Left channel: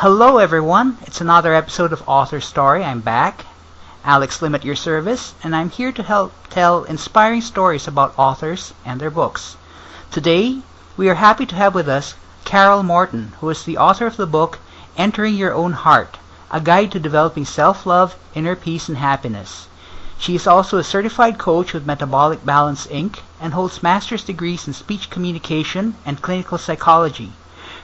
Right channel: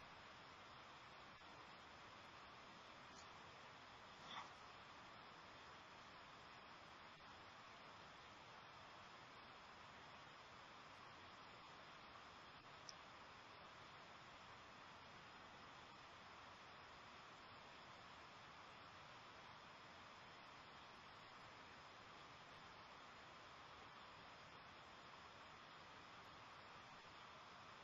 Hello everyone, it's another episode of AuthorStory. I'm back, Alex Lim at your service, and I'm here to help tell inspiring stories about authors and their books. Today, we are happy to have with us Carole Morton, who is the author of the book Entering Your Own Heart, a guide to developing self-love, inner peace, and happiness. She is also a certified coach with Metabolic Balance Inc. and holds master's degrees in speech communication and clinical psychology.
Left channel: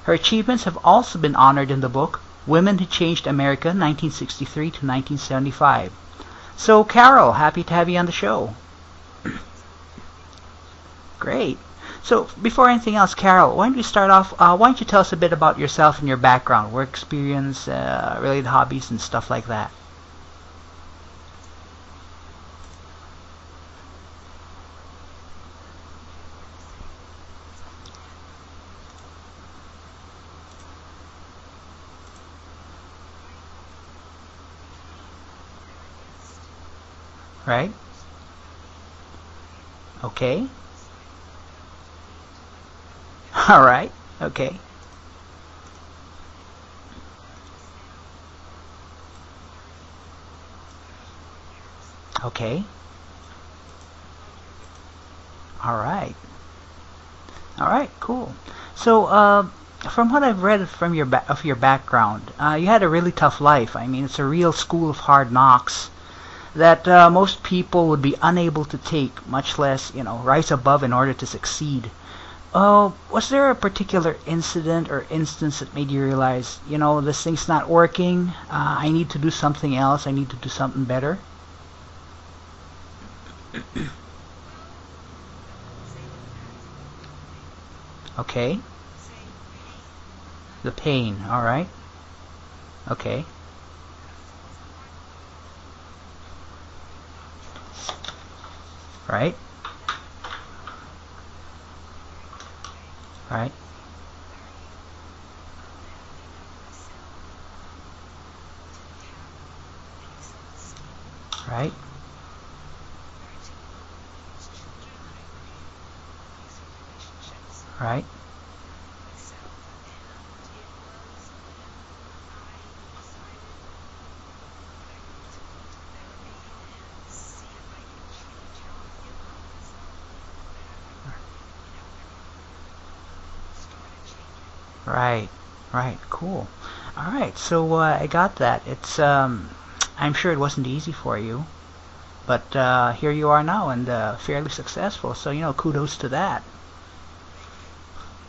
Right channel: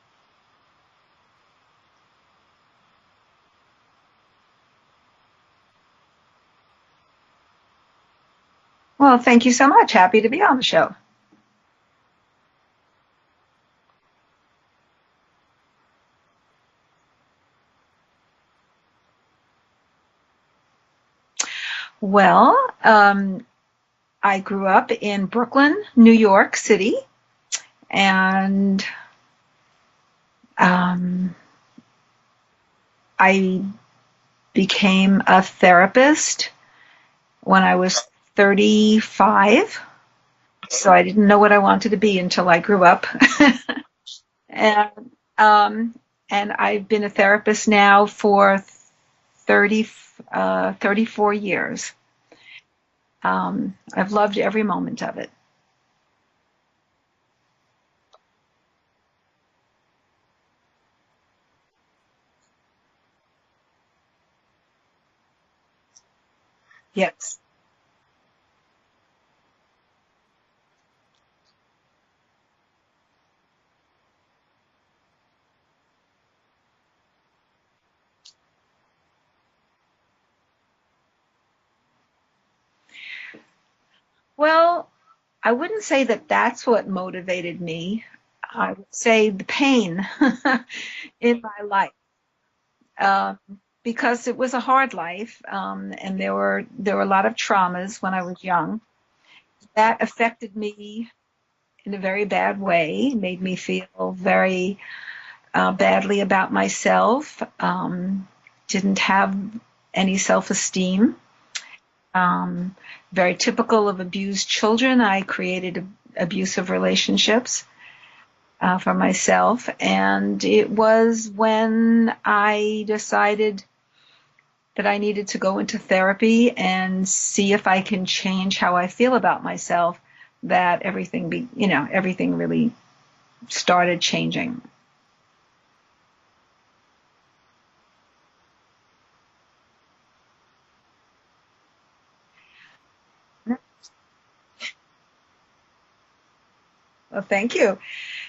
Her achievements have also been honored in the book Women Who Changed America 1963 to 1975. So, Carole, happy to have you on the show. Well, thank you so much. Happy to be on the show. Great. So, before anything else, Carole, why don't you start off? Why don't you tell us a bit about yourself and your background, work experience, related hobbies, and stuff like that? Well, I grew up in Brooklyn, New York City, and I became a therapist when I was 35. Okay. So I didn't know what I wanted to be until I grew up. All right. Okay. And I've been a therapist now for 34 years. Okay. I've loved every moment of it. All right. All right. Cool. So, from what I've read from your background, you had a really tough life. I mean, it's a real school of hard knocks that Yes. most people would be unable to take, much less, rise above in order to succeed. Was there a particular incident or instance that made you realize, this thing's not working, I need to do something else, I need to do something better? Well, I wouldn't say that that's what motivated me. Okay. I would say the pain The pain, in all my right. life, Okay. because it was a hard life, and there were a lot of traumas when I was young Right. that affected me in a very bad way, made Right. me feel very badly about myself, didn't have any self-esteem. Right. Very typical of abused children. I created abusive relationships Right. for myself, and it was when I decided that I needed to go into therapy and see if I can change how I feel about myself, that everything really started changing. Right. Right. Cool. All right. So I got that. It's I'm sure it wasn't easy for you, but here you are now and fairly successful. So kudos to that. Well, thank you.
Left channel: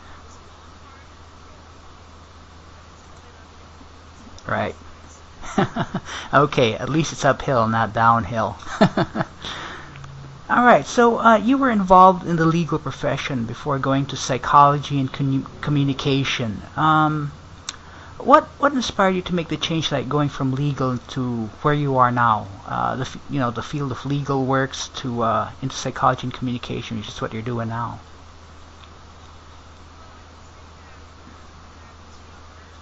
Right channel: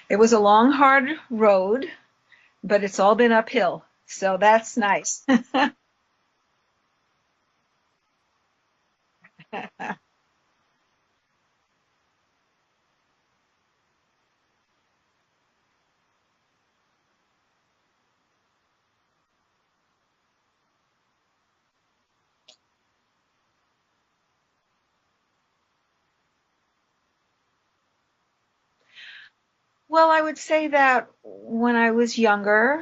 It was a long, hard road, but it's all been uphill, so that's nice. Okay. At least it's uphill, not downhill. All right. So you were involved in the legal profession before going to psychology and communication. What inspired you to make the change, like going from legal to where you are now, the field of legal works to into psychology and communication, which is what you're doing now? Well, I would say that when I was younger,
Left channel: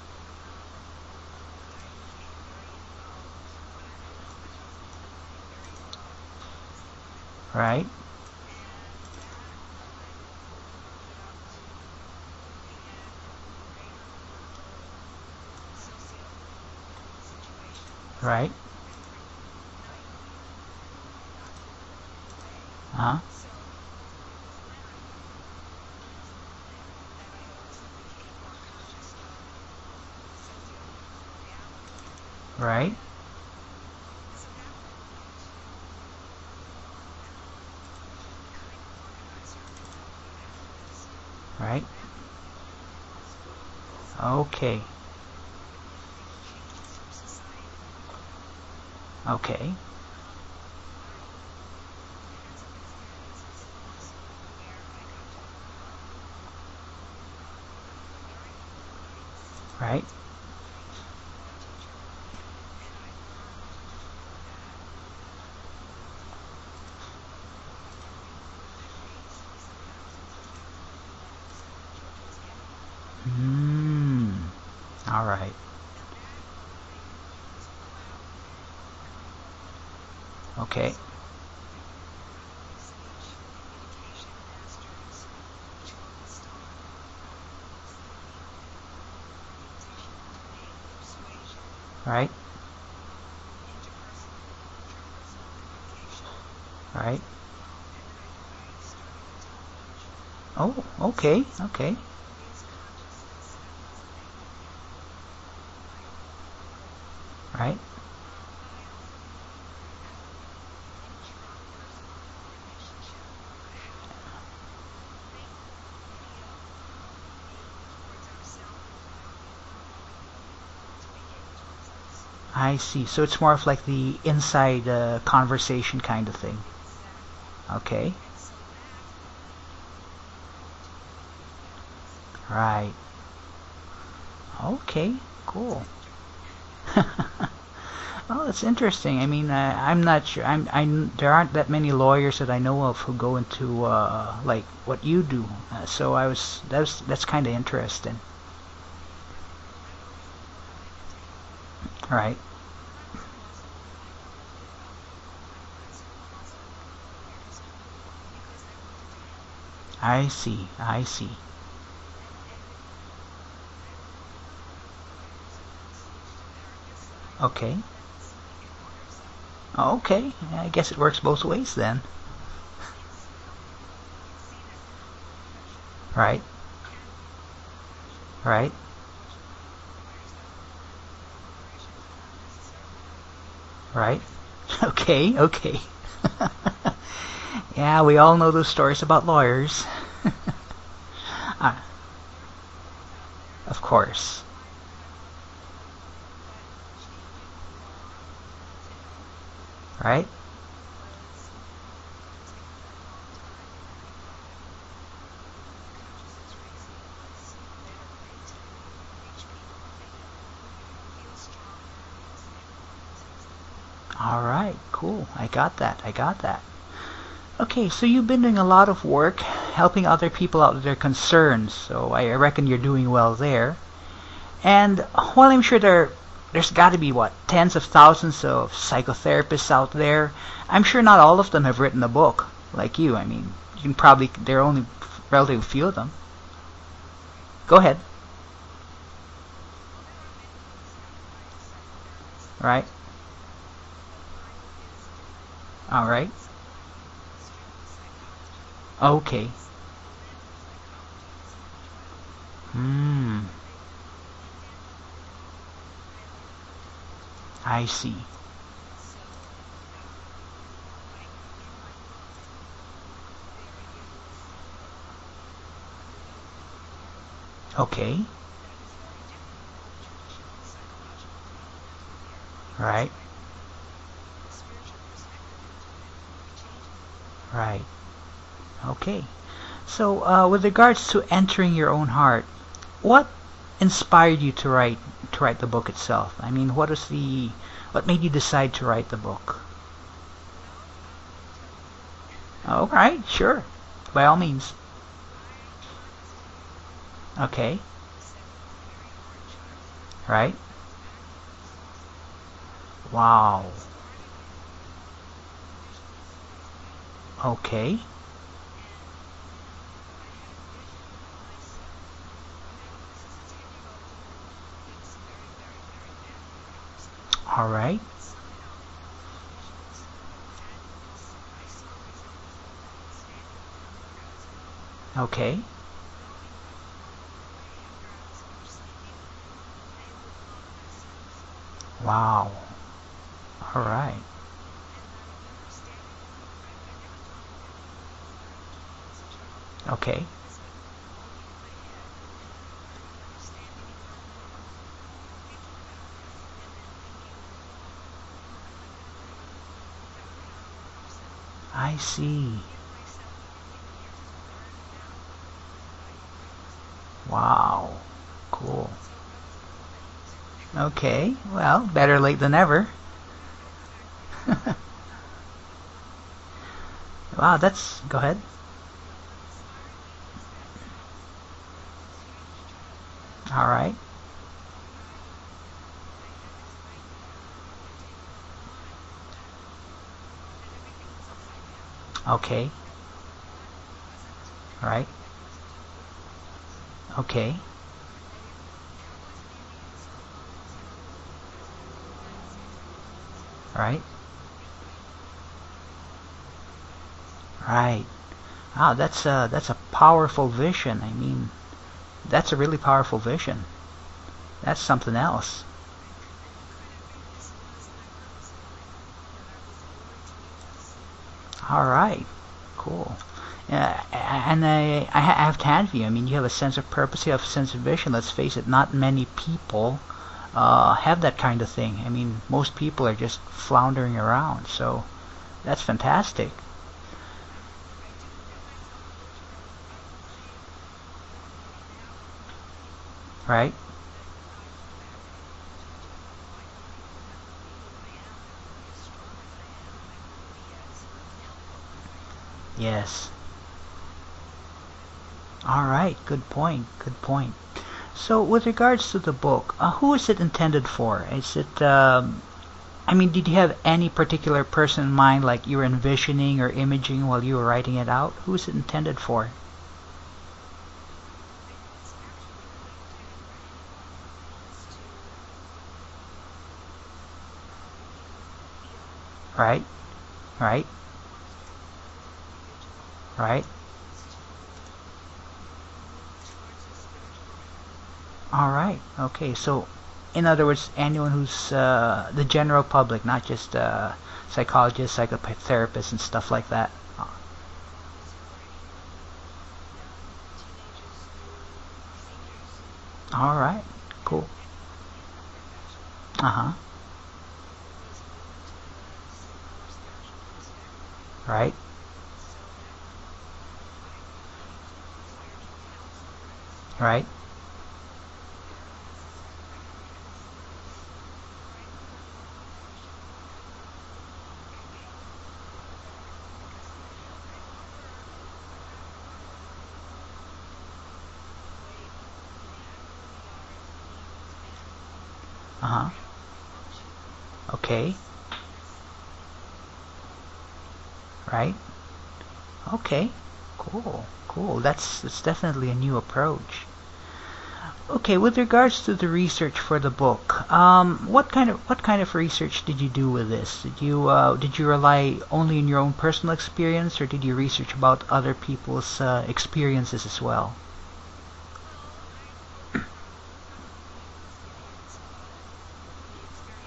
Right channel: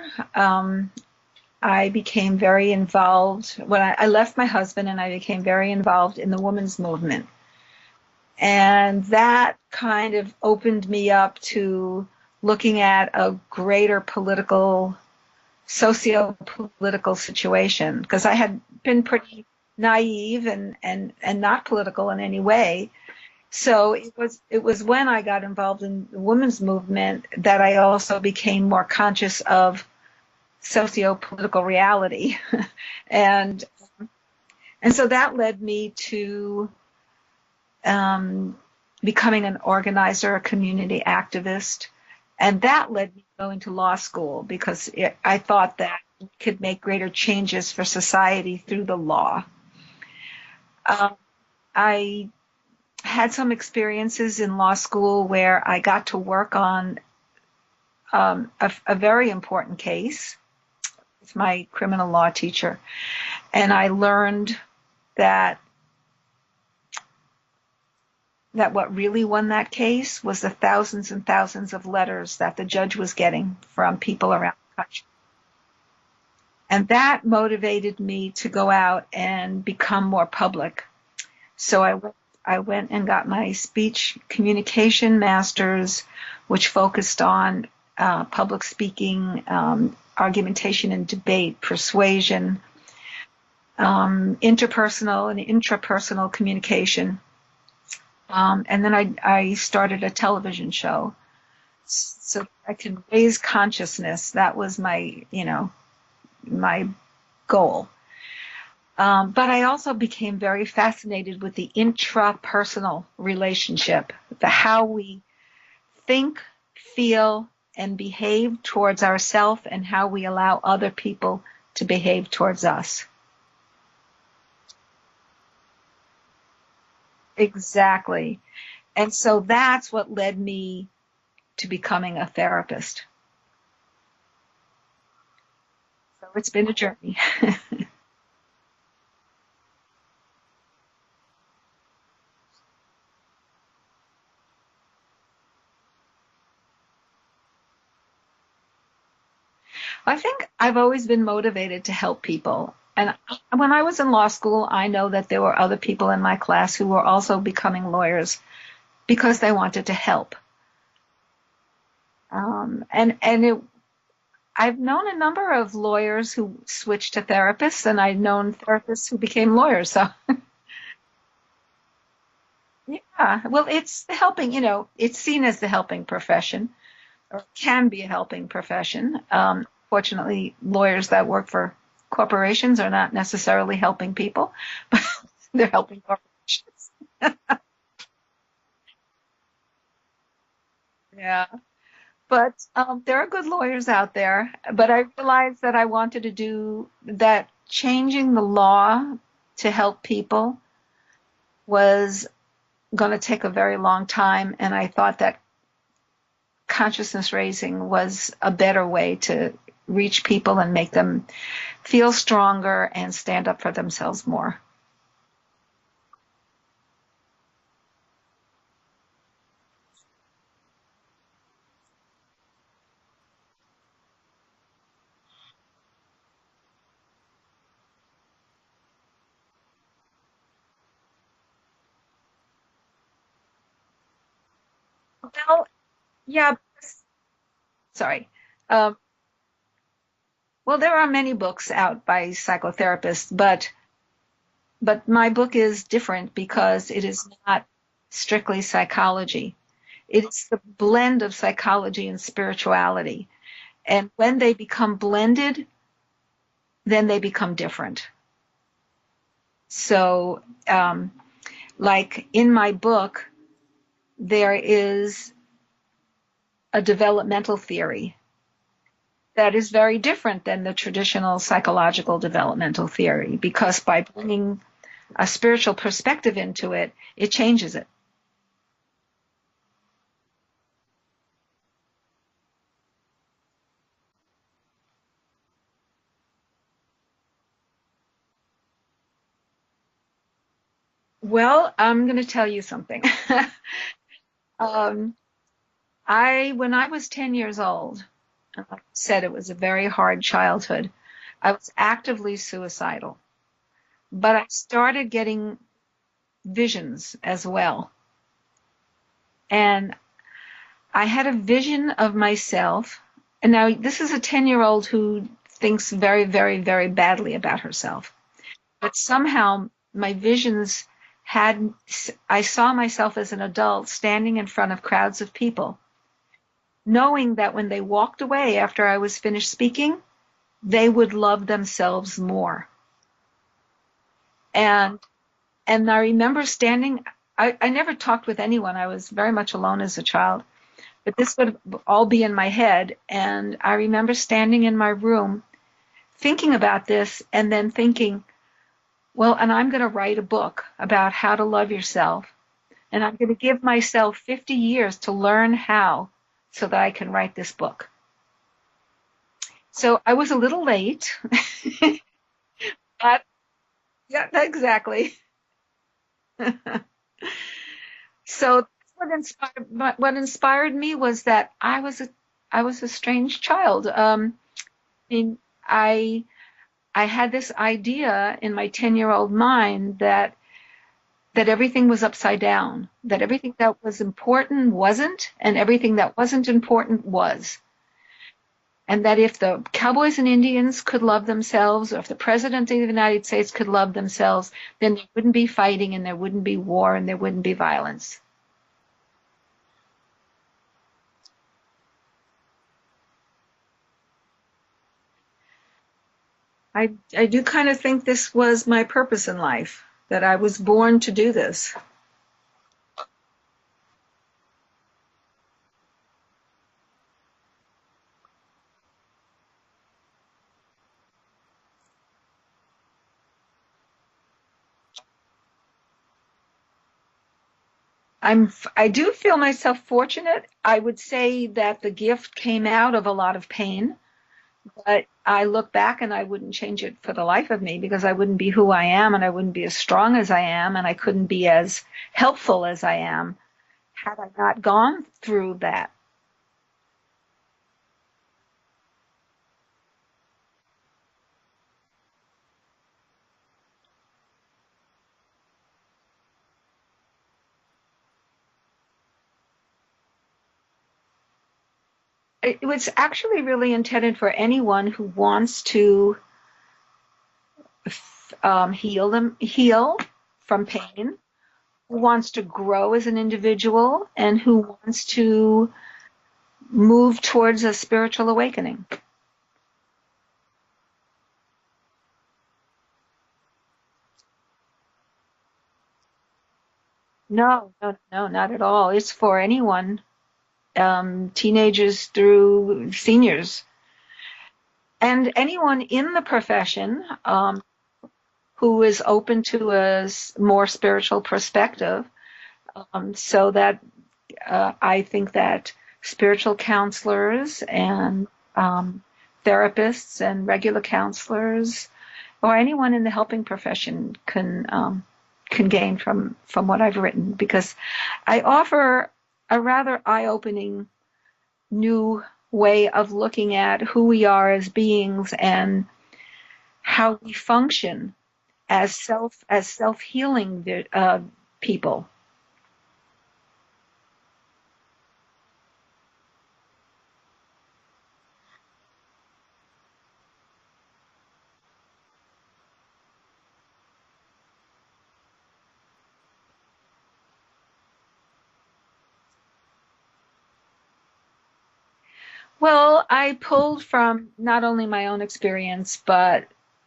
I became very involved. When I left my husband, and I became very involved in the women's movement. Right. And that kind of opened me up to looking at a greater socio-political situation, because I Right. had been pretty naive and not political in any way. Uh-huh. So it was when I got involved in the women's movement that I also became more conscious of socio-political reality. Right. and so that led me to becoming an organizer, a community activist, Right. and that led me to go into law school, Okay. because I thought that it could make greater changes for society through the law. Okay. I had some experiences in law school where I got to work on a very important Right. case. It's my criminal law teacher, and I learned that what really won that case was the thousands and thousands of letters that the judge was getting from people around the country. All right. And that motivated me to go out and become more public. Okay. So I went and got my speech communication master's, which focused on public speaking, argumentation and debate, Right. persuasion, interpersonal and intrapersonal communication. Right. And then I started a television Oh, show okay. Okay. so I could raise consciousness. That was my, my Right. goal. But I also became very fascinated with the intrapersonal relationship, the how we think, feel, and behave towards ourselves, and how we allow other people to behave towards I us. see. So it's more of like the inside conversation kind of thing. Okay. Exactly. And so that's what led me to becoming a Right. therapist. Okay. Cool. It's been a journey. Oh, that's interesting. I mean, I'm not sure. There aren't that many lawyers that I know of who go into like what you do. So that's kind of interesting. I think I've always been motivated to help Right. people. And when I was in law school, I know that there were other people in my class who were also becoming lawyers because they wanted to I help. see. I see. And I've known a number of lawyers who switched to Okay. therapists, and I've known therapists who became lawyers. So Okay. I guess it works both ways then. yeah, well, it's the helping. It's seen as the helping Right. profession, or can be a helping Right. profession. Fortunately, lawyers that work for corporations are not necessarily helping Right. people. Okay. They're Okay. helping corporations. Yeah, we all know those stories about lawyers. Yeah. Uh, But there are good of lawyers out course. there. But I realized that I wanted to do that. Changing the law to help Right. people was going to take a very long time, and I thought that consciousness raising was a better way to reach people and make them feel stronger and stand up for themselves All more. right. Cool. I got that. I got that. Okay, so you've been doing a lot of work helping other people out with their concerns, so I reckon you're doing well there. And while I'm sure there's got to be, what, tens of thousands of psychotherapists out there, I'm sure not all of them have written a book like you. I mean, there are only relatively Well, few of them. yeah, Go ahead. sorry. Um, well, there are many books out by Right. psychotherapists, but my book is All different right. because it is not strictly psychology. Okay. It's the blend of psychology and spirituality. Mm, And when they become blended, then they become I different. see. So, like in my book, there is a developmental theory Okay. that is very different than the traditional psychological developmental Right. theory, because by bringing a spiritual perspective into it, it changes Right. it. Okay. So, with regards to entering your own heart, what inspired you to write the book itself? I mean, what made you decide to write the book? Well, I'm going to tell you All something. right, sure. By all means. When I was 10 years Okay. old, said it was a very hard Right. childhood. I was actively suicidal, Wow. but I started getting visions as well. Okay. And I had a vision of myself. And now this is a 10-year-old who thinks very, very, very badly about All right. herself. But somehow my visions I saw myself as an adult standing in front of crowds of Okay. people, knowing that when they walked away after I was finished speaking, they would love themselves Wow. more. All right. And I remember standing, I never talked with anyone. I was very much alone as a Okay. child. But this would all be in my head. And I remember standing in my room thinking about this and then thinking, well, and I'm going to write a book about how to love yourself. I see. And I'm going to give myself 50 years to learn how so that I can write this book. Wow. Cool. So I was a little late. Okay. Well, better late than never. But, yeah, exactly. Wow, go ahead. So what inspired me was that I was a strange child. All right. I mean, I had this idea in my 10-year-old mind that everything was upside Okay. down, that everything that was important wasn't, and everything that wasn't important was. Okay. and that if the cowboys and Indians could love themselves, or if the president of the United States could love Right. themselves, then there wouldn't be fighting, and there wouldn't be war, and there wouldn't be Right. violence. Wow, that's a powerful vision. I mean, that's a really powerful vision. That's something else. I do kind of think this was my purpose in life, that I was born to do this. All right. Cool. And I have to hand you. I mean, you have a sense of purpose. You have a sense of vision. Let's face it. Not many people have that kind of thing. I mean, most people are just floundering around. So that's fantastic. I do feel myself fortunate. I would say that the gift came out of a lot of Right. pain, but I look back and I wouldn't change it for the life of me, because I wouldn't be who I am, and I wouldn't be as strong as I am, and I couldn't be as helpful as I Yes. am had I not gone through All that. right. Good point. Good point. So, with regards to the book, who is it intended for? Is it, I mean, did you have any particular person in mind, like you were envisioning or imaging while you were writing it out? Who is it intended for? It was actually really intended for anyone who wants to Right. heal from Right. pain, who wants to grow as an Right. individual, and who wants to move towards a spiritual All awakening. right. Okay. So, in other words, anyone who's the general public, not just psychologists, psychotherapists, and stuff like that. No, no, no, not at all. It's for anyone, teenagers through All seniors, right. Cool. and anyone in the Uh-huh. profession who is open to a more spiritual Right. perspective. So that I think that spiritual Right. counselors and therapists and regular counselors, or anyone in the helping profession, can gain from what I've written, because I offer a rather eye-opening new way of looking at who we are as beings, and Uh-huh. how we function Okay. as self-healing Right. people. Okay. Cool. Cool. That's definitely a new approach. Okay, with regards to the research for the book, what kind of research did you do with this? Did you rely only on your own personal experience, or did you research about other people's experiences as well? Well, I pulled from not only my own experience, but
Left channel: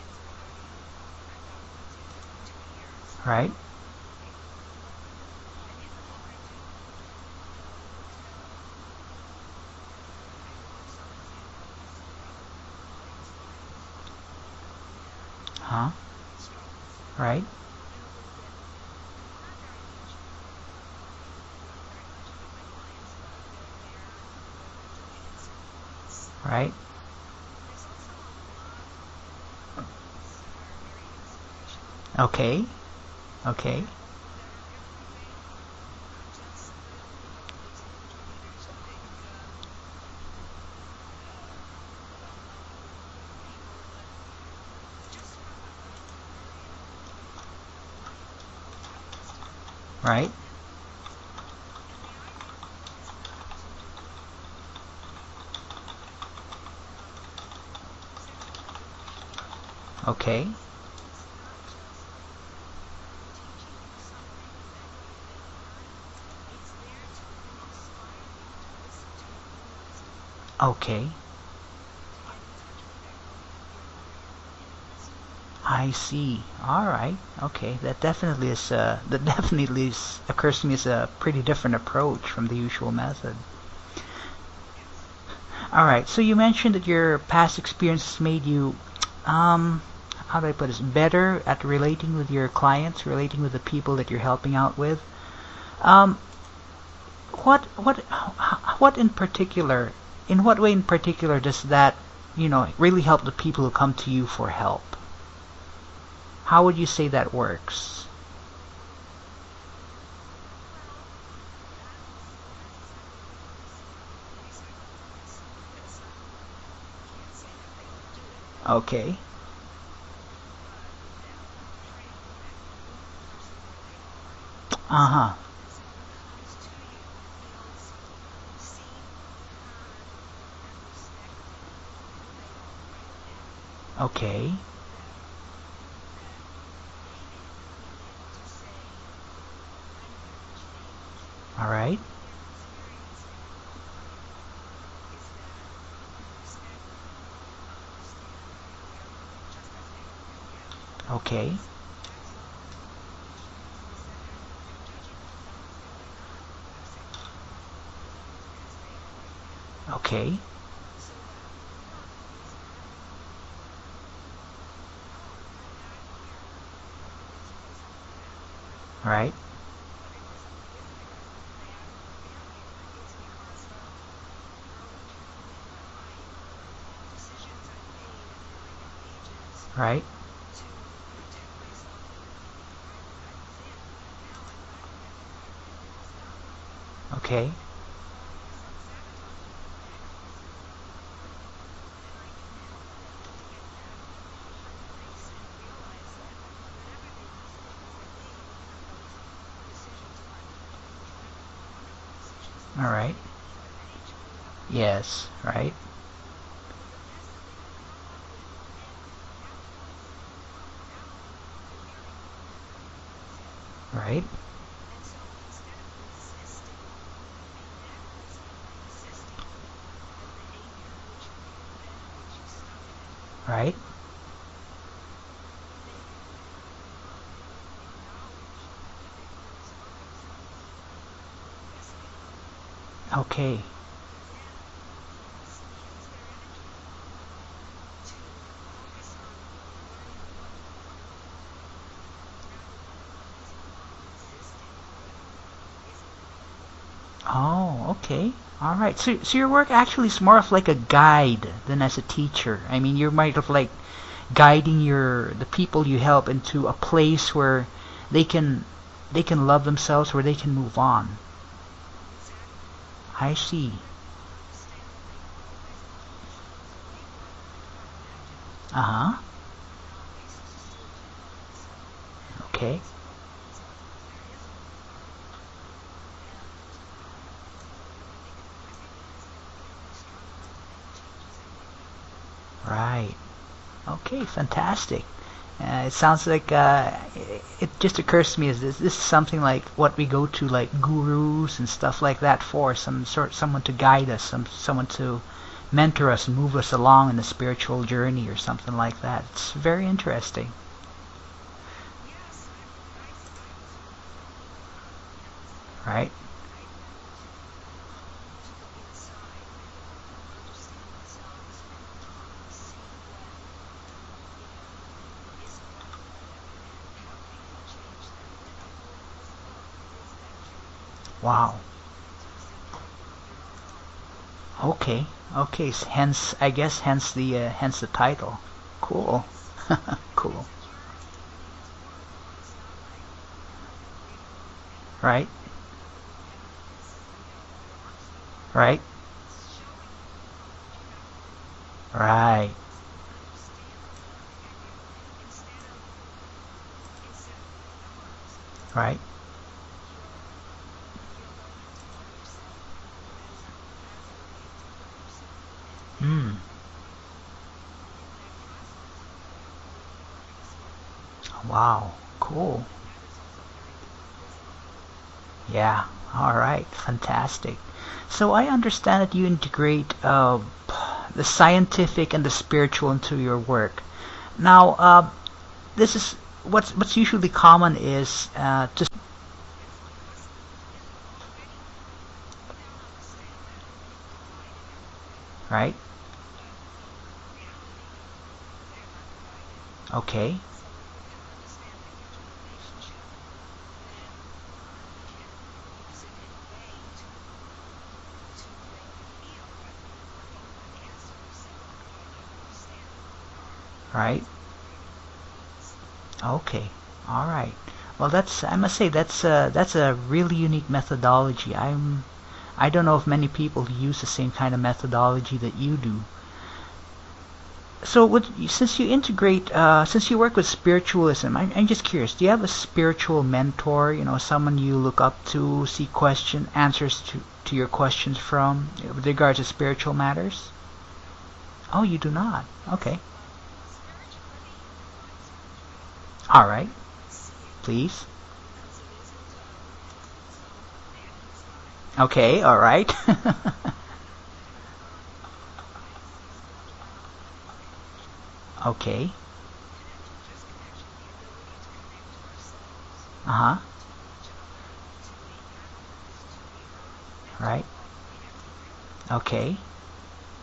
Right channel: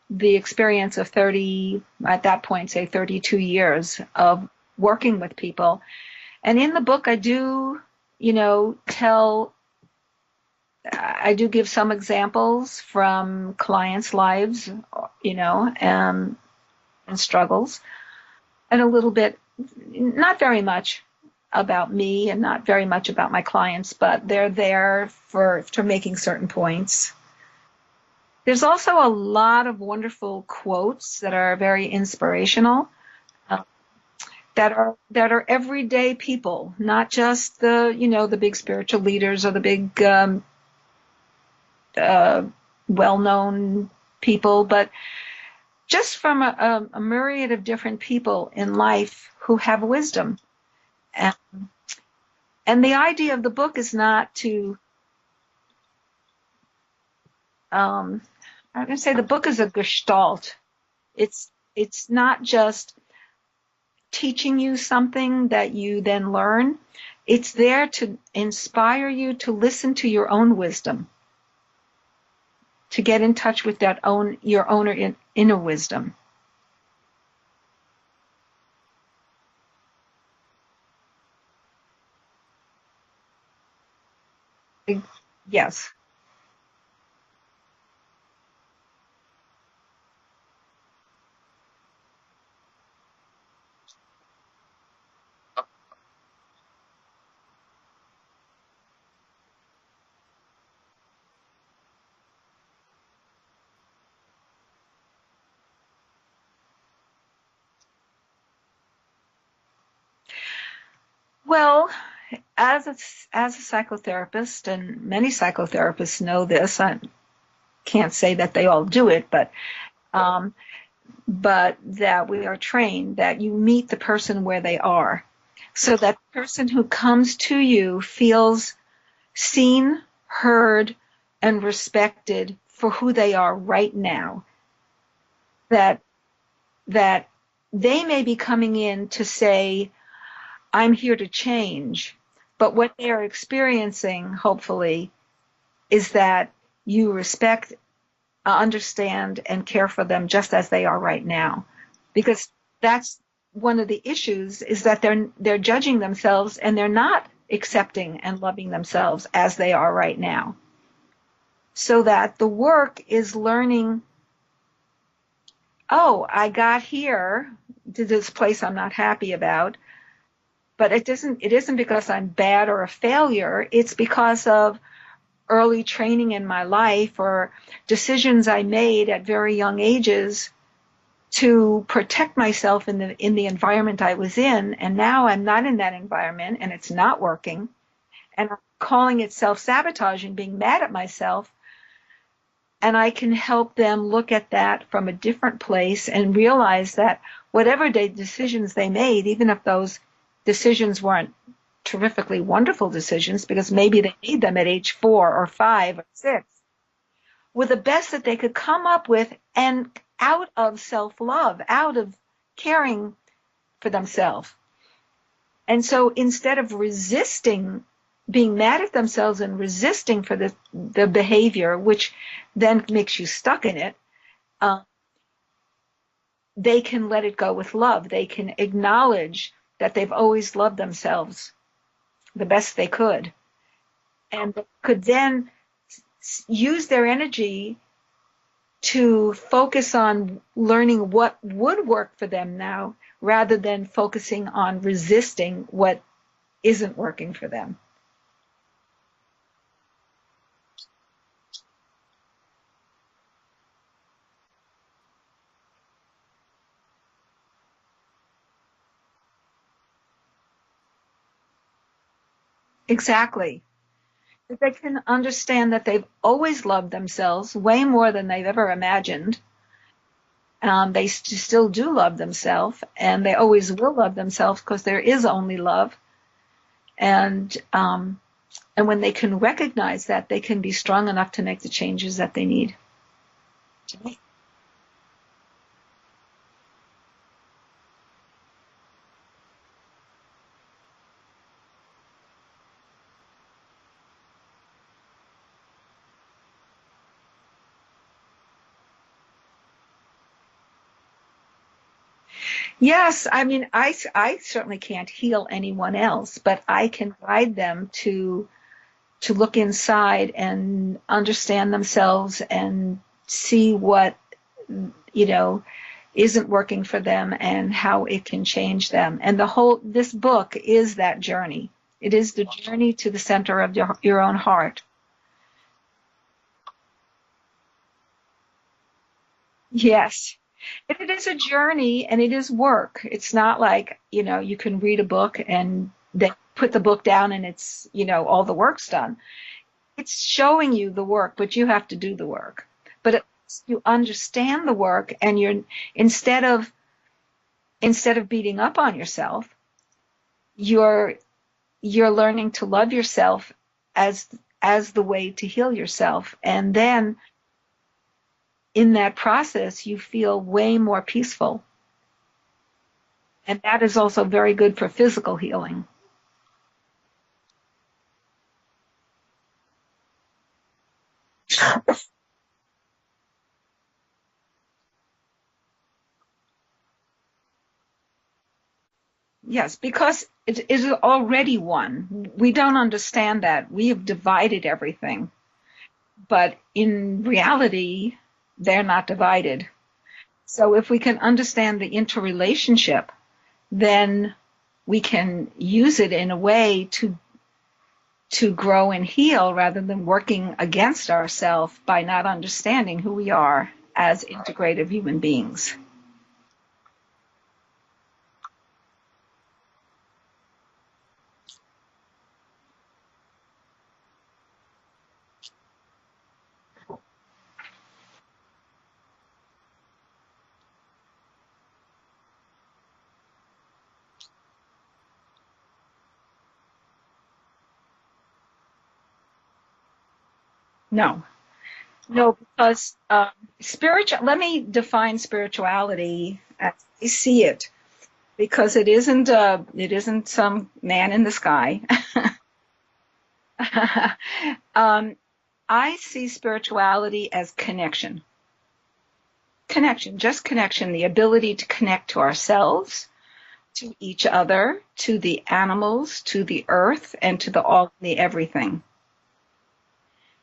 the experience of 30, at that point, say 32 Right. years of working with people. And in the book, I do, I do give some examples from clients' lives, Uh-huh. and Right. struggles, and a little bit, not very much about me and not very much about my clients, but they're there for making certain Right. points. There's also a lot of wonderful quotes that are very Okay. inspirational, uh, Okay. that are everyday people, not just the big spiritual leaders, or the big uh, well-known people, but just from a myriad of different people in life who have Right. wisdom. And, and the idea of the book is not to, um, I'm going to say the book is a Okay. gestalt. It's not just teaching you something that you then learn. It's there to inspire you to listen to your own wisdom, Okay. to get in touch with your own inner I wisdom. see. All right. Okay. That definitely occurs to me as a pretty different approach from the usual method. All Yes. right. So you mentioned that your past experiences made you, um, how do I put this, better at relating with your clients, relating with the people that you're helping out with. Um, what in particular, in what way in particular does that, really help the people who come to you for help? How would you say that works? Well, as a psychotherapist, and many psychotherapists know this, I can't say that they all do Okay. it, um, but that we are trained that you meet the person where they are, Uh-huh. so that the person who comes to you feels seen, heard, and respected for who they are right now. Okay. That that they may be coming in to say, I'm here to All right. change, but what they are experiencing, hopefully, is that you respect, understand, and care for them just as they are right Okay. now. Because that's one of the issues, is that they're judging themselves and they're not accepting and loving themselves as they are right Okay. now. So that the work is learning, oh, I got here to this place I'm not happy Right. about, but it isn't because I'm bad or a failure. It's because of early training in my life or decisions I made at very young Right. ages to protect myself in the environment I was in, and now I'm not in that environment and it's not Okay. working, and I'm calling it self-sabotage and being mad at myself. And I can help them look at that from a different place and realize that whatever decisions they made, even if those decisions weren't terrifically All wonderful right. decisions, because maybe they made them at age Yes. 4 or Right. 5 or 6, were the best that they could come up with, and out of self-love, out of caring for Right. themselves. And so instead of resisting, being mad at themselves and resisting for the behavior, which then makes you stuck Right. in it, uh, they can let it go with love. They can acknowledge that they've always loved themselves the best they could, Okay. and could then use their energy to focus on learning what would work for them now, rather than focusing on resisting what isn't working for them. Oh, okay. All right. So your work actually is more of like a guide than as a teacher. I mean, you're more of like guiding the people you help into a place where they can they can love themselves, where they can move on. I Exactly. see. Because they can understand that they've always loved themselves way more than they've ever Uh-huh. imagined. They still do love Okay. themselves, and they always will love themselves because there is only love. And when they can recognize that, they can be strong enough to make the changes that they need. Right. Okay, fantastic. It sounds like it just occurs to me as this is something like what we go to like gurus and stuff like that for someone to guide us, someone to mentor us and move us along in a spiritual journey or something like that. It's very interesting. Yes, I mean, I certainly can't heal anyone Right? else, but I can guide them to look inside and understand themselves and see what, you know, isn't working for them and how it can change them. And this book is that Wow. journey. It is the journey to the center of your own heart. Okay. Okay. Hence, I guess, hence the title. Cool. Yes. Cool. It is a journey and it is work. It's not like, you can read a Right? book and then put the book down and it's, all the Right? work's done. It's showing you the work, but you have to do the Right. work. But you understand the work, and instead of beating up on Right? yourself, you're learning to love yourself as the way to heal yourself. Hmm. And then in that process, you feel way more peaceful. Wow. Cool. And that is also very good for physical Yeah. healing. All right. Fantastic. So I understand that you integrate the scientific and the spiritual into your work. Now, this is what's usually common is to Yes, because it is already one. We don't understand that. We have divided everything. right. But in reality, they're not divided. Okay. So if we can understand the interrelationship, then we can use it in a way to grow and heal, rather than working against ourselves by not understanding who we are Right. as integrative human beings. Okay. All right. Well, I must say that's a really unique methodology. I don't know if many people use the same kind of methodology that you do. So, since you work with spiritualism, I'm just curious. Do you have a spiritual mentor? Someone you look up to, see answers to your questions from, with regards to spiritual matters? No. Oh, you do No, not. because Okay. let me define spirituality All right. as I see it, Please. because it isn't some man in the sky. Okay. All right. um, I see spirituality as connection. Okay. Connection, just connection, the ability to connect to ourselves, Uh-huh. to each other, to the animals, to the earth, and to the Right. all, the everything. Okay.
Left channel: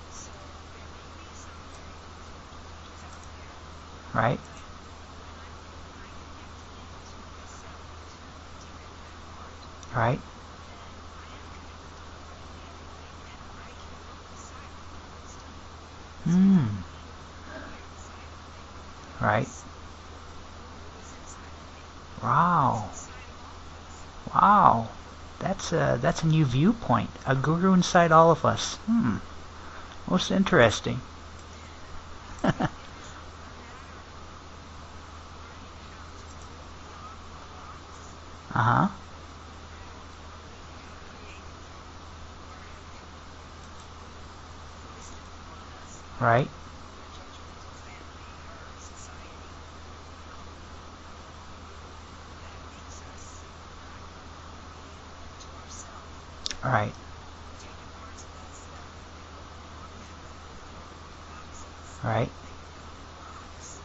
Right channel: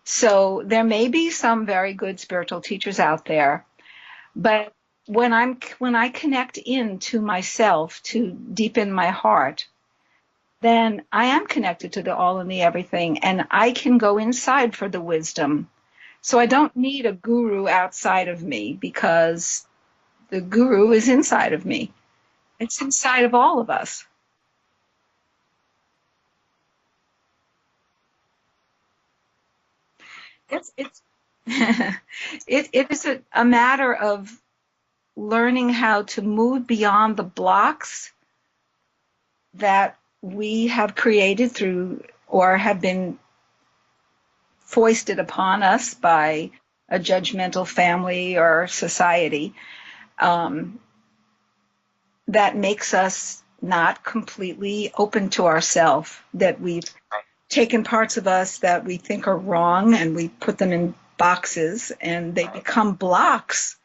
So there may be some very good spiritual teachers out there, Right. but when I connect into myself, to deep in my heart, Right. then I am connected to the all and the everything, and I can go inside for the wisdom. So I Mm. don't need a guru outside of me, Right. because the guru is inside of me. It's Wow. inside of all of us. Wow. That's a new viewpoint. A guru inside all of us. Most interesting. It's it is a matter of learning how to move beyond the blocks Uh-huh. that we have created through, or have been foisted upon us by Right. a judgmental family or society, um, that makes us not completely open to ourselves, that we've Right. taken parts of us that we think are wrong and we put them in boxes, Right. and they become blocks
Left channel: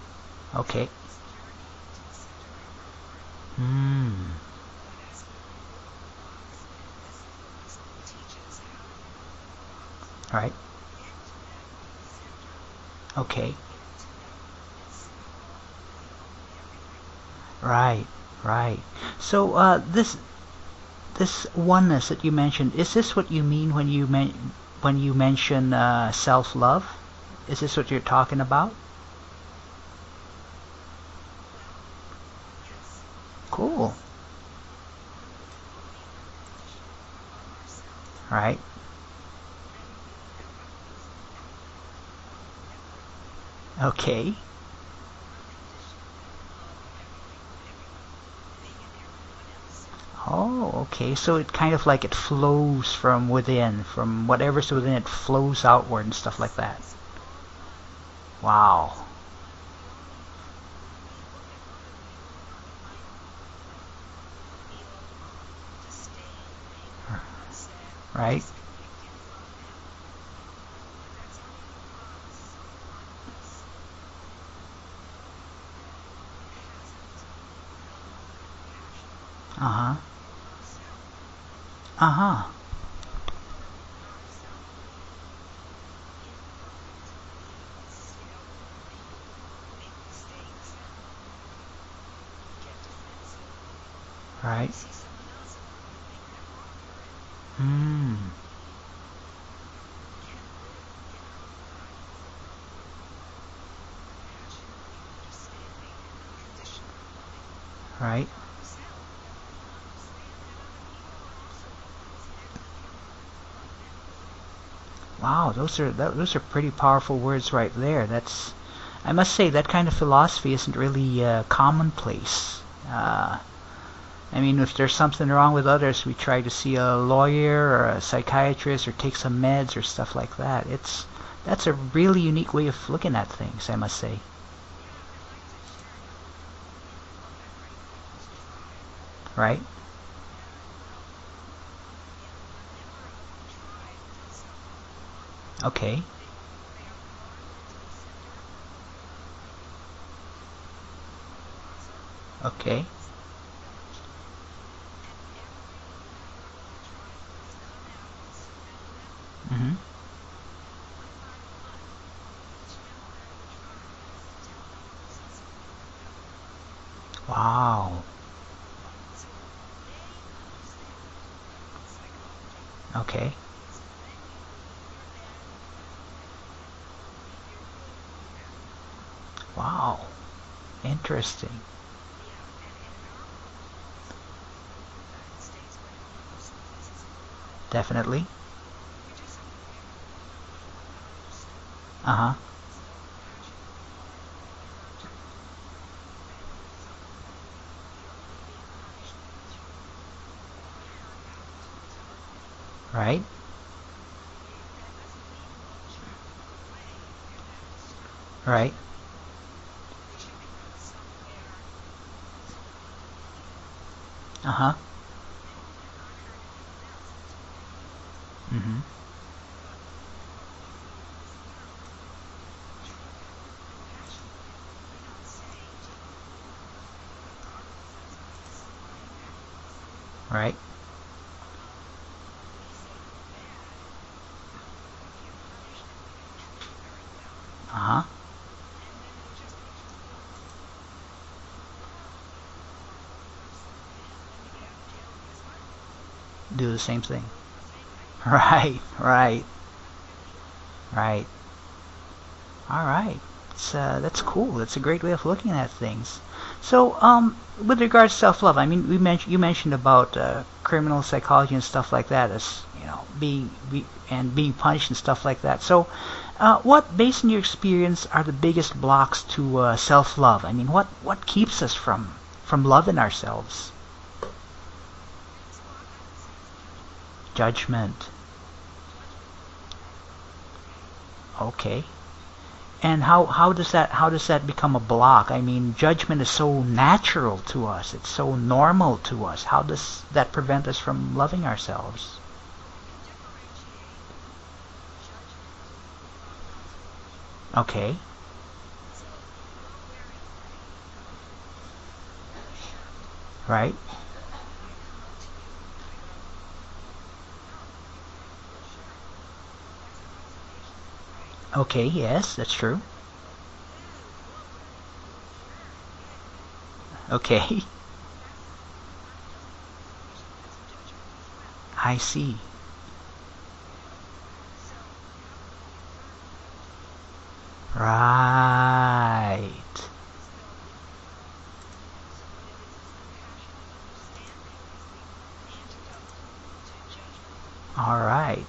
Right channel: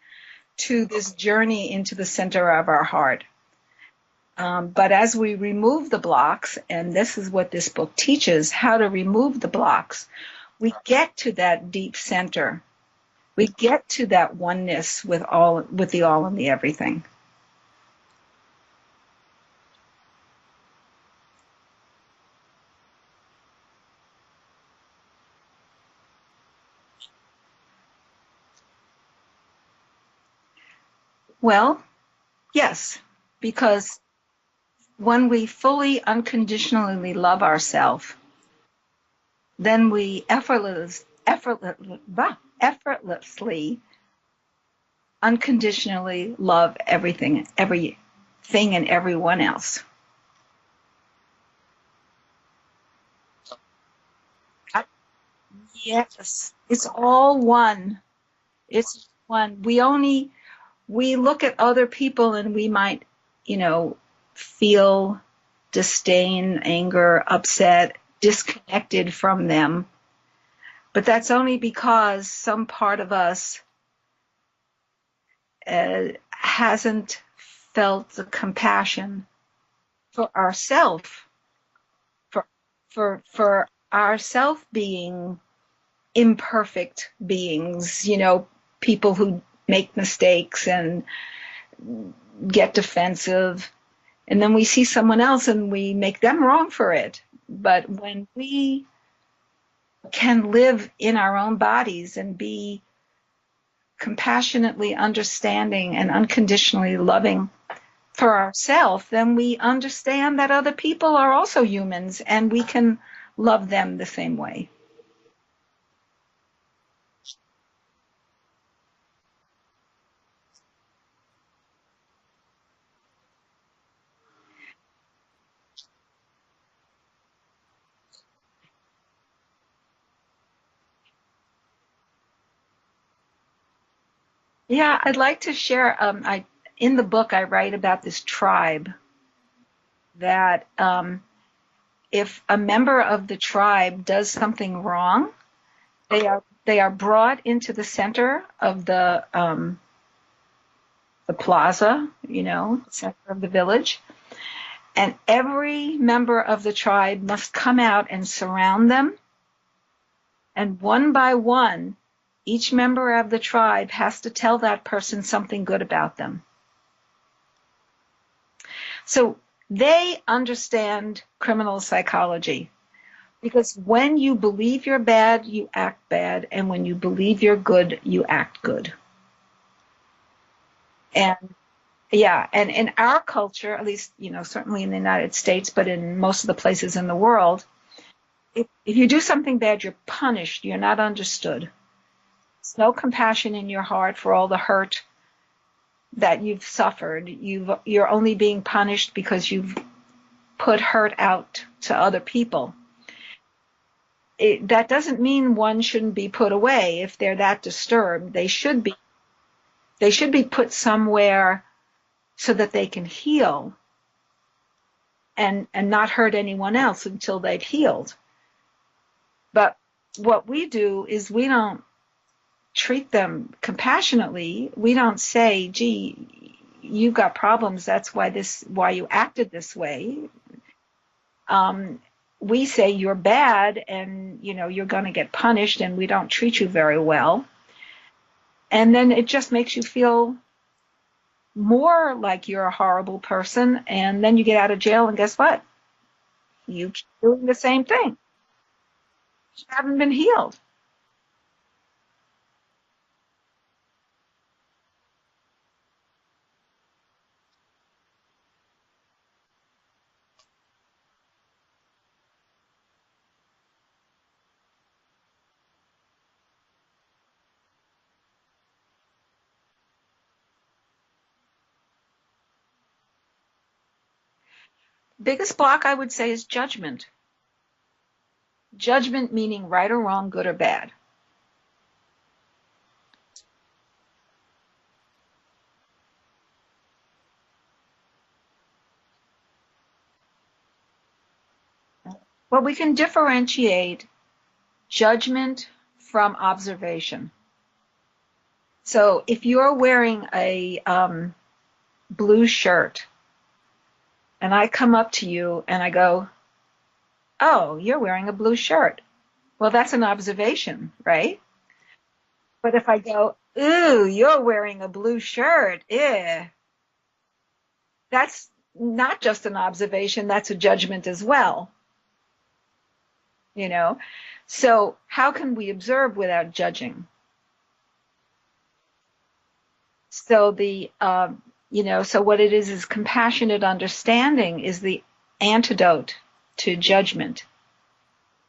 to Okay. this journey into the center of our heart. Mm. But as we remove the blocks, and this is what this book teaches, how to remove the blocks, Right. we get to that deep center. We Okay. get to that oneness with the all and the everything. Right. Right. So this oneness that you mentioned, is this what you mean when you mention self-love? Is this what you're talking about? Well, yes, Cool. because when we fully unconditionally love ourselves, Right. then we effortlessly, Okay. unconditionally love everything and everyone else. Oh, okay. So it kind of like it flows from within, from whatever's I, within it flows outward and stuff yes, like that. it's all one. Wow. It's one. We look at other people and we might, feel disdain, anger, upset, Right. disconnected from them. But that's only because some part of us hasn't felt the compassion Uh-huh. for ourselves, Uh-huh. for for ourself being imperfect beings, people who make mistakes and get defensive. And then we Right. see someone else and we make them wrong for it. But Mm. when we can live in our own bodies and be compassionately understanding and unconditionally loving Right. for ourselves, then we understand that other people are also humans and we can love them the same way. Wow, those are pretty powerful words right there. I must say that kind of philosophy isn't really commonplace. Uh, I mean, if there's something wrong with others, we try to see a lawyer or a psychiatrist or take some meds or stuff like that. That's a really unique way of looking at things, I must say. Yeah, I'd like to share. In the book, I write about this tribe Right? that, if a member of the tribe does something wrong, Okay. they are brought into the center of the plaza, Okay. center of the village, and every member of the tribe must come out and surround them, Mm-hmm. and one by one, each member of the tribe has to tell that person something good about them. Wow. So they understand criminal psychology, Okay. because when you believe you're bad, you act bad, and when you believe you're good, you act good. Wow. And Interesting. yeah, and in our culture, at least, certainly in the United States, but in most of the places in the world, Definitely. if you do something bad, you're punished. You're not understood. Uh-huh. There's no compassion in your heart for all the hurt that you've suffered. You're only being punished because you've put hurt out to other people. Right? that doesn't mean one shouldn't be put away if they're that disturbed. Right. They should be put somewhere so that they can heal Uh-huh. and not hurt anyone else until they've healed. Mm-hmm. But what we do is we don't treat them compassionately. We don't say, "Gee, you've got problems. That's why you acted this way." Right. We say you're bad, and you're going to get punished, and we don't treat you very well. Uh-huh. And then it just makes you feel more like you're a horrible person, and then you get out of jail, and guess what? Do the You same keep thing. doing the same thing. Right. Right. You haven't been healed. Right. All right. That's cool. That's a great way of looking at things. So, with regards to self-love, I mean, you mentioned about criminal psychology and stuff like that, as being punished and stuff like that. So, what, based on your experience, are the biggest blocks to self-love? I mean, what keeps us from loving ourselves? Biggest block, I would say, is judgment. Judgment. Judgment meaning right or wrong, good or bad. Okay. And how does that become a block? I mean, judgment is so natural to us. It's so normal to us. How does that prevent us from loving ourselves? Well, we can differentiate judgment from observation. Okay. So if you're wearing a blue shirt, Right. and I come up to you and I go, "Oh, you're wearing a blue shirt." Well, that's an observation, right? Okay. Yes, that's But true. if I go, "Ooh, you're wearing a blue shirt," Okay. that's not just an observation, that's a judgment as well, I see. you know? So how can we observe without judging? Right. So so what it is compassionate understanding is the antidote to judgment. All right.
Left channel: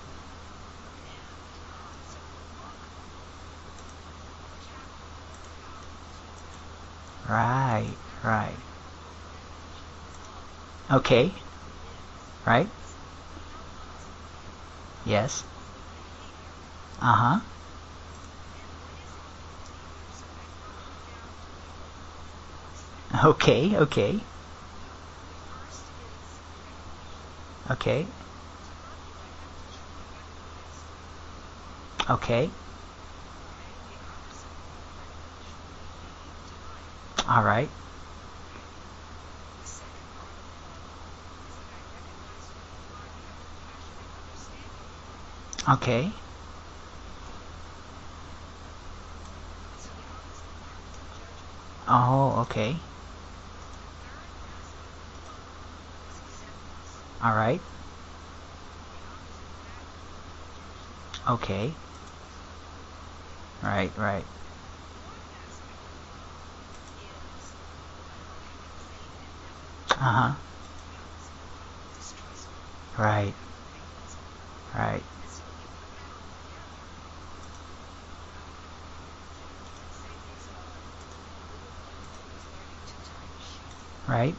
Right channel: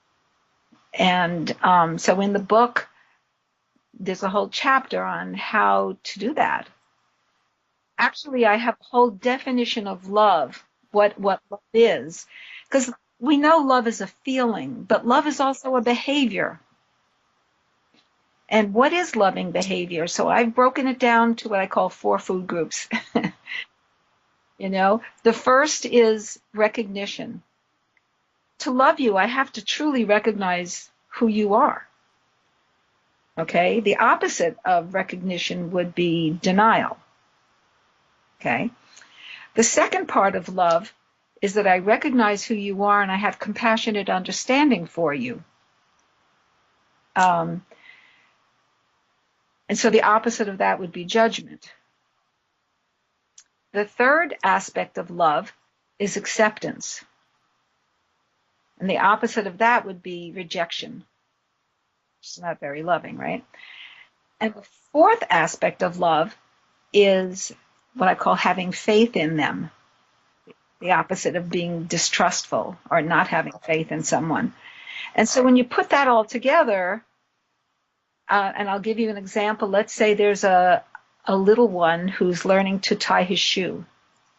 And so in the book, there's a whole chapter on how to do that. Right. Actually, Right. I have a whole definition of love, Okay. what love is. Right. Because we know love is a feeling, but love Yes. is also a behavior. Uh-huh. And what is loving behavior? So I've broken it down to what I call 4 food groups. Okay. Okay. The first is recognition. Okay. To love you, I have to truly recognize who you are. Okay. Okay? The opposite of recognition would be denial. All right. Okay? The second part of love is that I recognize who you are and I have compassionate understanding for you. Okay. And so the opposite of that would be judgment. Oh, okay. The third aspect of love is acceptance. All right. And the opposite of that would be rejection. Okay. It's not very loving, right? Right. Right. And the fourth aspect of love is what I call having faith in them. Uh-huh. The opposite of being distrustful or Right. not having faith in someone. Right. And so when you put that all together, and I'll give you an example. Let's say there's a little one who's learning to tie his shoe. Right.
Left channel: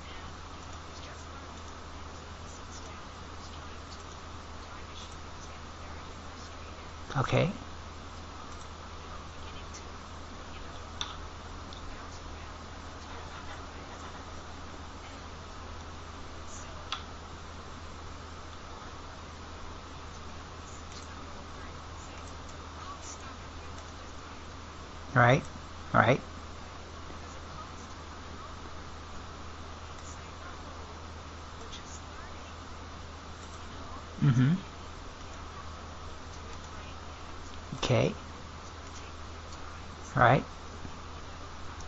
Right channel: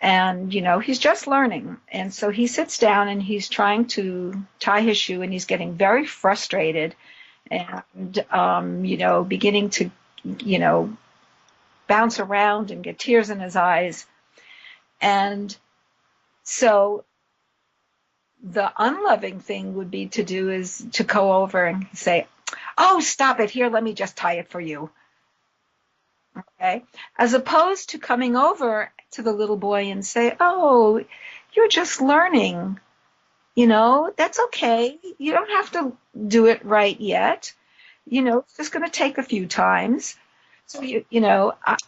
And, he's just learning. And so he sits down and he's trying to tie his shoe and he's getting very frustrated Okay. and, beginning to, bounce around and get tears in his eyes. And so the unloving thing would be to do is to go over and say, "Oh, stop it. Here, let me just tie it for you." Right. Right. Okay? As opposed to coming over to the little boy and say, "Oh, you're just learning. That's Mhm. okay. You don't have to do it right yet. Okay. It's just going to take a few times." Right. So,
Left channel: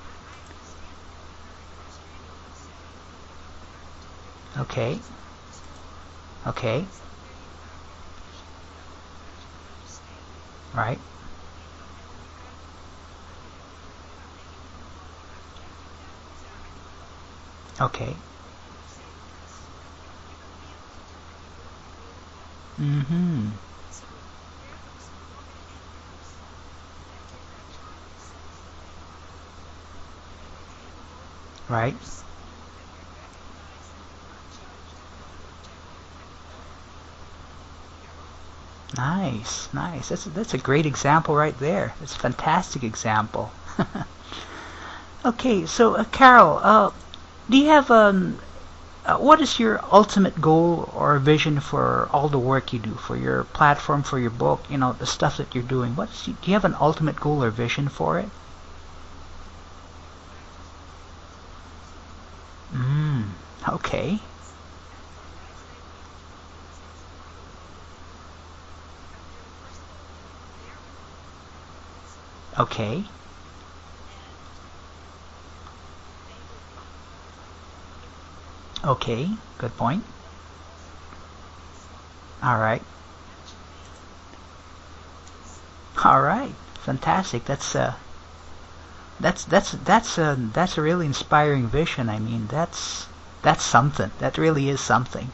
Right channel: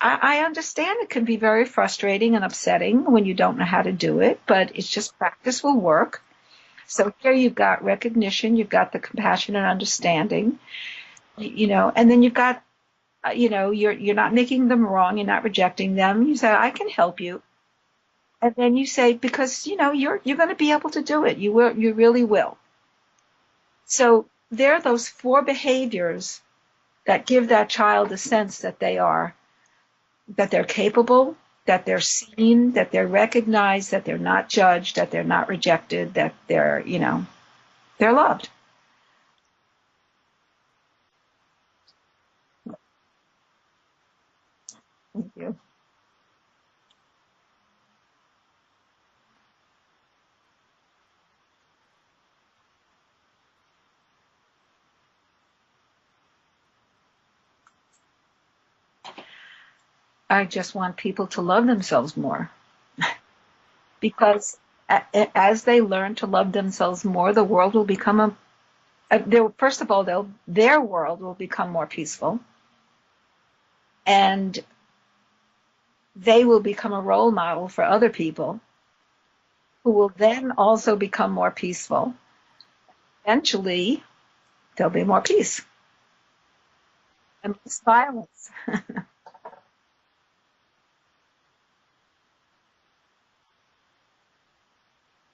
I understand it can be very frustrating and upsetting when you don't know how to do it, but Okay. it's just practice will work. Okay. So here you've got recognition, you've got the compassionate understanding, Right. and then you've got, you're not making them wrong, you're not rejecting them. You say, "I can help you," Okay. and then you say, because you're going to be able to do it. You really will. Mm-hmm. So there are those 4 behaviors that give that child a sense that they're capable, that Right. they're seen, that they're recognized, that they're not judged, that they're not rejected, that they're loved. Nice, nice. That's a great example right there. It's a fantastic example. Okay, so Carol, do you have what is your ultimate goal or vision for all the work you do, for your platform, for your book, the stuff that you're doing? Do you have an ultimate goal or vision for it? I just want people to love themselves more. Okay. Because as they learn to love themselves more, the world will become first of all, their world will become more peaceful. Okay. And they will become a role model for other people. Okay, good point. Who will then also become more peaceful. All right. Eventually, there'll be more peace. All right, fantastic. And that's violence. that's a really inspiring vision. I mean, that's something. That really is something.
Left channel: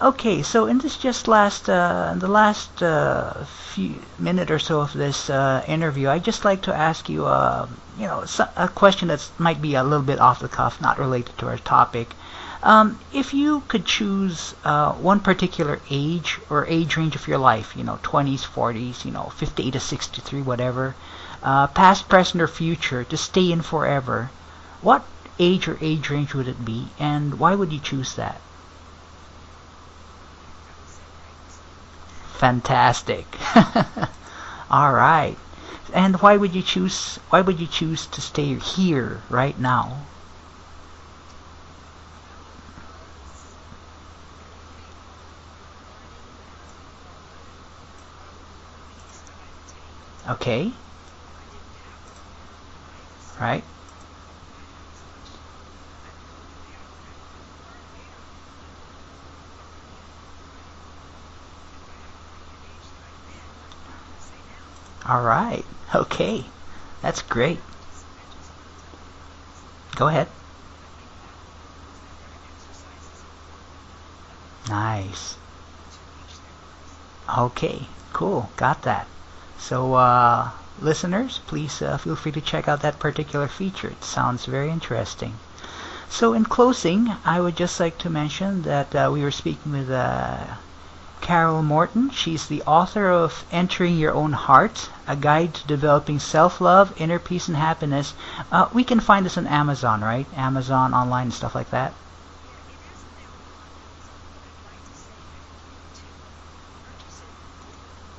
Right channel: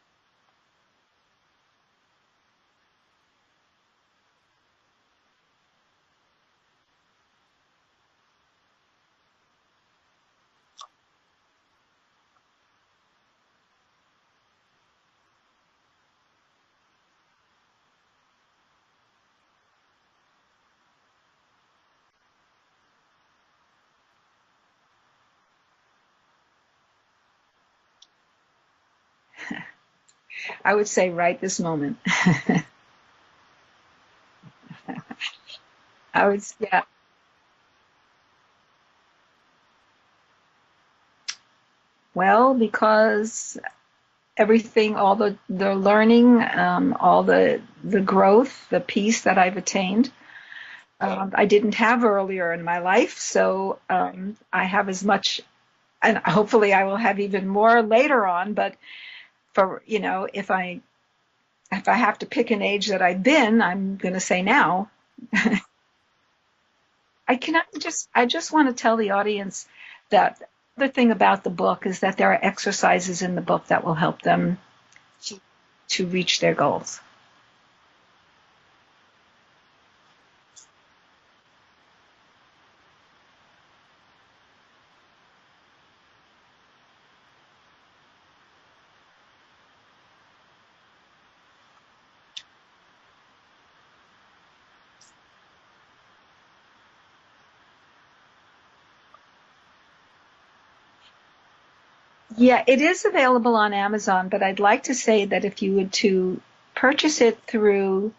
Okay, so in this just in the last few minute or so of this interview, I'd just like to ask you, a question that might be a little bit off the cuff, not related to our topic. If you could choose one particular age or age range of your life, 20s, 40s, 58 to 63, whatever, past, present, or future, to stay in forever, what age or age range would it be, and why would you choose that? I would say right this moment. Fantastic. All right. And why would you choose to stay here right now? Well, because everything, all the learning, all the growth, the peace that I've attained. Okay. I didn't have earlier in my life, so right. I have as much, and hopefully I will have even more later on. But for if I have to pick an age that I've been, I'm going to say now. All right. Okay. That's great. I just want to tell the audience that the thing about the book is that there are exercises in the book that will help them to reach their goals. Okay. Cool. Got that. So listeners, please feel free to check out that particular feature. It sounds very interesting. So in closing, I would just like to mention that we were speaking with Carole Morton. She's the author of Entering Your Own Heart, A Guide to Developing Self-Love, Inner Peace, and Happiness. We can find this on Amazon, right? Amazon online and stuff like that? Yeah, it is available on Amazon, but I'd like to say that if you would to purchase it through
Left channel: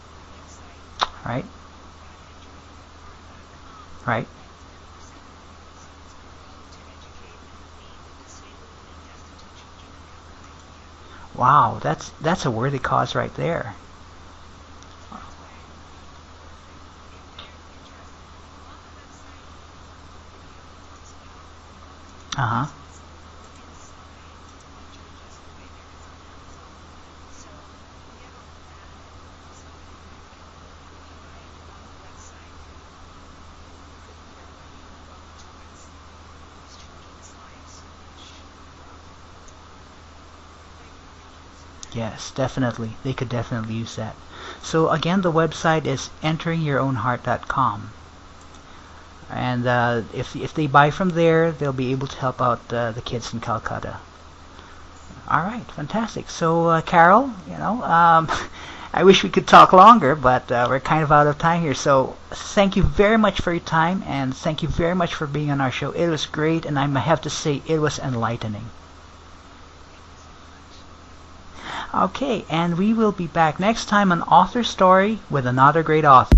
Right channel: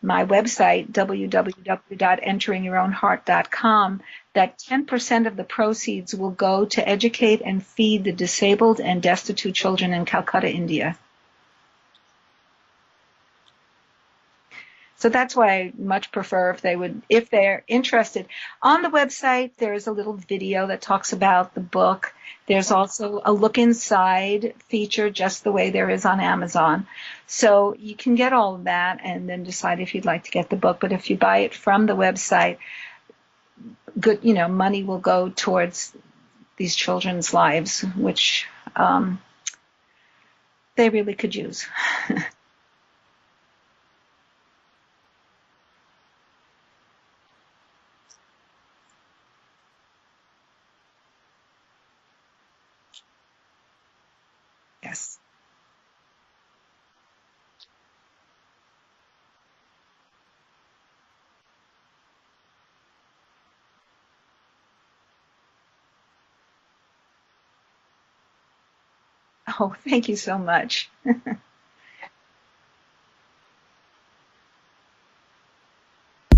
my website, www.enteringyourownheart.com, that 10% of the proceeds will go to educate and feed the disabled and destitute children in Calcutta, India. Wow, that's a worthy cause right there. So that's why I much prefer if they're interested. On the website, there's a little video that talks about the book. There's also a look inside feature, just the way there is on Amazon. So you can get all of that and then decide if you'd like to get the book. But if you buy it from the website, good, money will go towards these children's lives, which they really could use. Yes, definitely. They could definitely use that. So again, the website is enteringyourownheart.com. And if they buy from there, they'll be able to help out the kids in Calcutta. Yes. All right, fantastic. So Carole, I wish we could talk longer, but we're kind of out of time here. So thank you very much for your time, and thank you very much for being on our show. It was great, and I have to say it was enlightening. Oh, thank you so much. Okay, and we will be back next time on Author Story with another great author.